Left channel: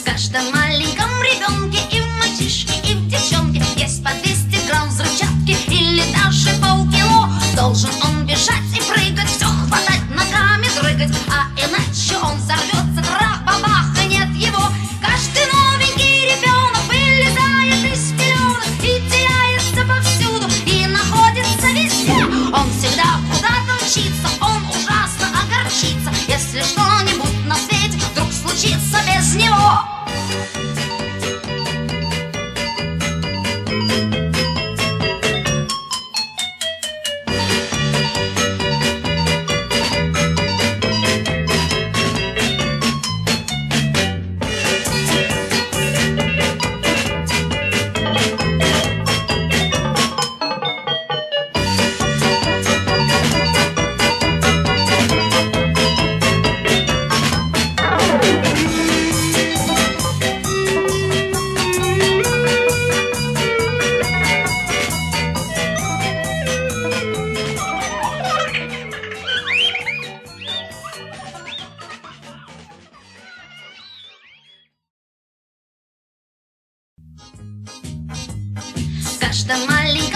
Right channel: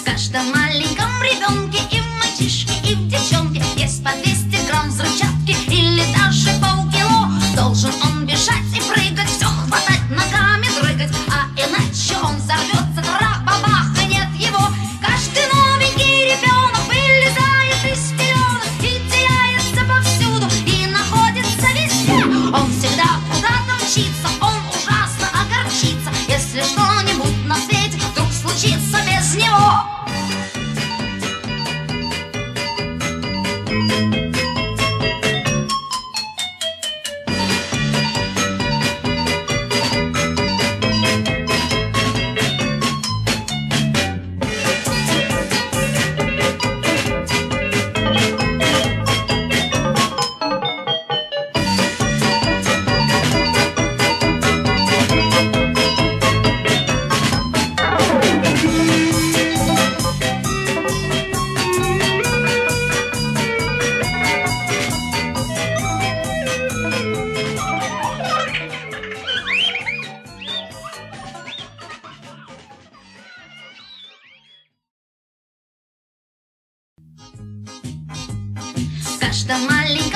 В каждом маленьком ребенке и в мальчишке, и в девчонке есть по 200 грамм взрывчатки или даже полкило. Должен он бежать и прыгать, все хватать, ногами дрыгать, а иначе он взорвется, трах-бабах, и нет его. Каждый новенький ребенок вылезает из пеленок и теряется повсюду, и находится везде. Он всегда куда-то мчится, он ужасно огорчится, если что-нибудь на свете вдруг случится без него. В каждом маленьком